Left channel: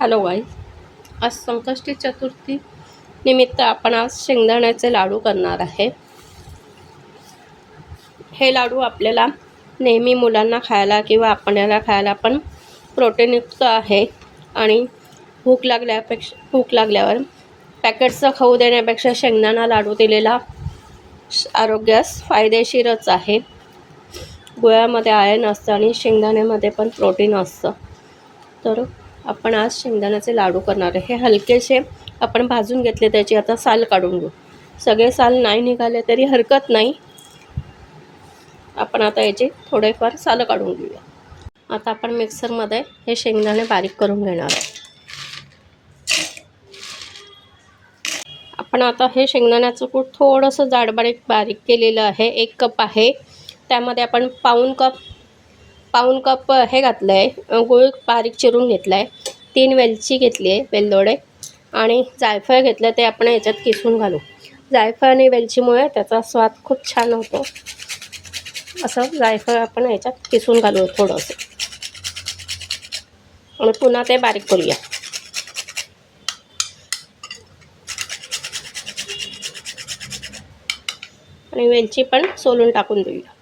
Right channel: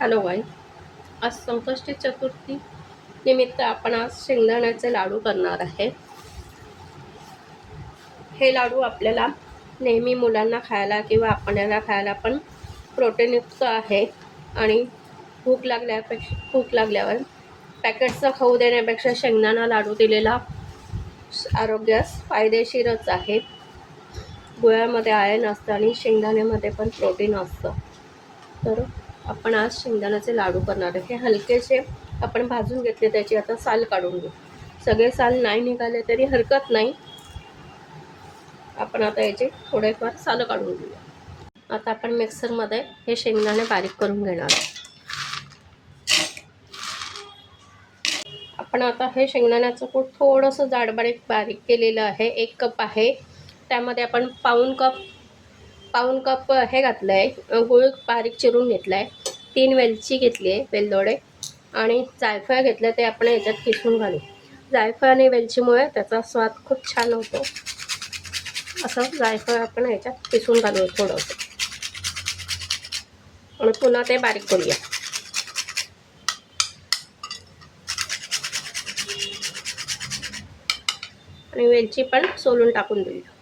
Hello guys, आज संकष्टी चतुर्थी निमित्त आपण आज शेंगदाण्याचे लाडू करणार आहे। हे लाडू आपल्याला नेहमी मुलांना खायला किंवा आपल्याला खायला पण प्रोटीनयुक्त आहे आणि भूक लागल्यावर पॅकेटचं खाऊ देण्यापेक्षा शेंगदाणा लाडू दिलेला आरोग्यास फायदेशीरच आहे। गुळामध्ये आयर्न असतं आणि शेंगदाण्यामध्ये पण प्रोटीन असतं। तर आपण आज शेंगदाण्याचे लाडू करणार आहे। हे हलकेसे आपण भाजून घेतले, त्याची आता साल काढून घेऊ। सगळे साल नाही निघाले तरी हरकत नाही, आपण आता याचे थोडेफार साल काढून घेऊया। आता आपण मिक्सरमध्ये हे शेंगदाणे बारीक करून घेणार आहोत। आपण आता हे शेंगदाण्याचं कूट थोडंसं जाड बारीक केलेलं आहे। 1 कप आहे, त्यामध्ये आपण पाऊण कप हे घातलं आहे, गूळ बारीक चिरून घेतला आहे। 3 वेलची घेतली आहे, वेलदोडे, आणि जायफळ घेतलं, ते आपण याच्यात किसून घालू। जायफळ आणि वेलचीमुळे त्याचा स्वाद खूप छान होतो। असं जायफळ आपण याच्यात किसून घालू थोडंसं, आणि पुन्हा ते बारीक करूया। आणि वेलची पण सोलून टाकून देऊया।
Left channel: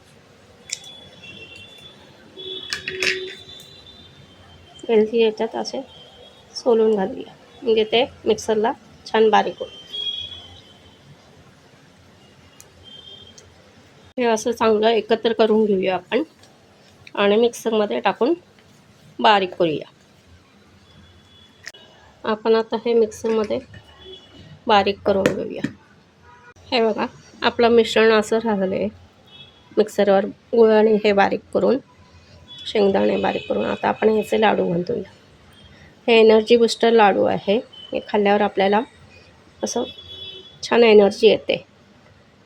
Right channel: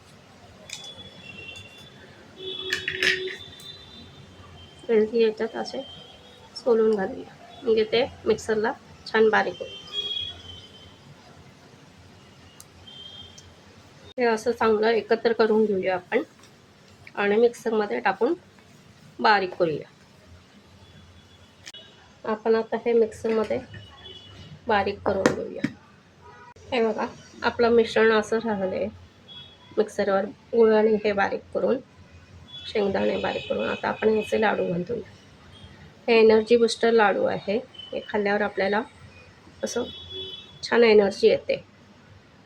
वेलची याच्यात असे सोलून घालूया, म्हणजे ते मिक्सरला छान बारीक होईल। हे असं चांगलं एकत्र करून घेऊया आपण, आणि मिक्सरमध्ये टाकून बारीक करूया। आपण आता हे मिक्सरमध्ये बारीक करून घेऊया। हे बघा, आपलं मिश्रण असं राहिलं आहे मिक्सरवर, गुळ आणि हे बारीक करून, शेंगदाणे बारीक करून। आता आपण याचे लाडू बांधूया। हे एनर्जी बूस्टर लाडू आहे। हे खाल्ल्यावर आपल्याला असं छान एनर्जी येते।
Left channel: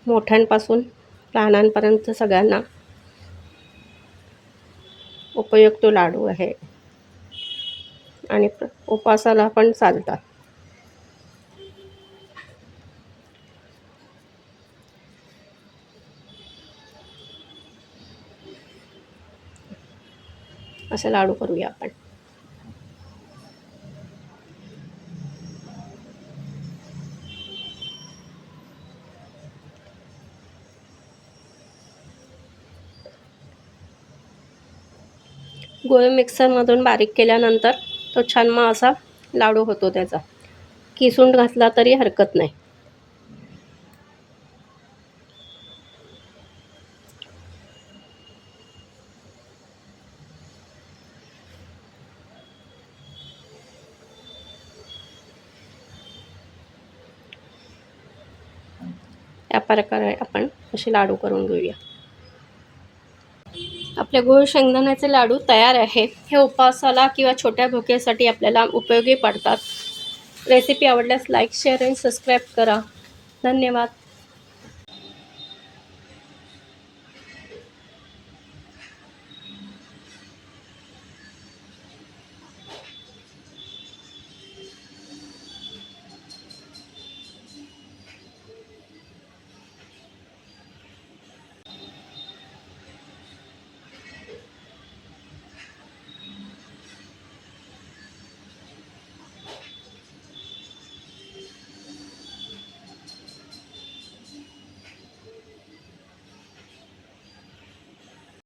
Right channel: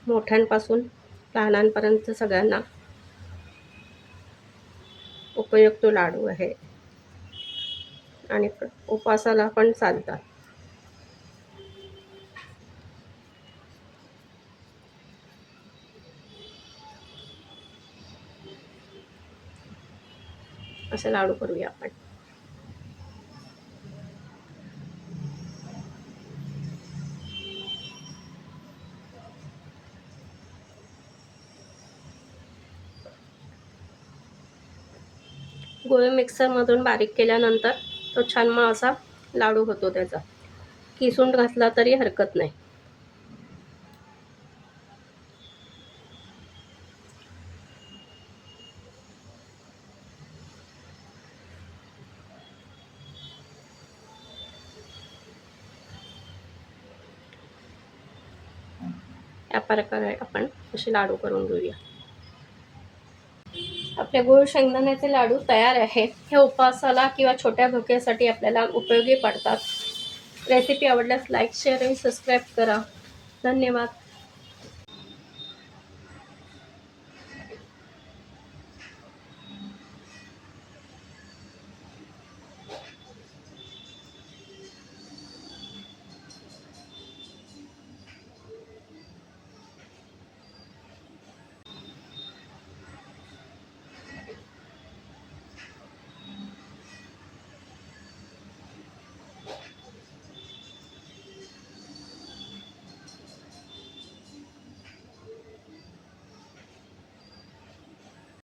मोठ्यांपासून लहानांपर्यंत सगळ्यांना उपयुक्त लाडू आहे, आणि उपवासाला पण चालतात। असे लाडू करूया आपण। गुळ मिक्सरमधून बारीक केल्यानंतर तो छान मग असा लाडू होतो त्याचा। किसून घातला तरी हरकत नाही। या प्रकारे आपण असे लाडू करून घेऊया। आपले गुळ शेंगदाण्याचे लाडू तयार आहे। हे उपवासाला किंवा छोट्या भुकेसाठी आपल्याला उपयोगी पडतात। रेसिपी आवडल्यास लाईक, शेअर आणि सबस्क्राईब करा। धन्यवाद।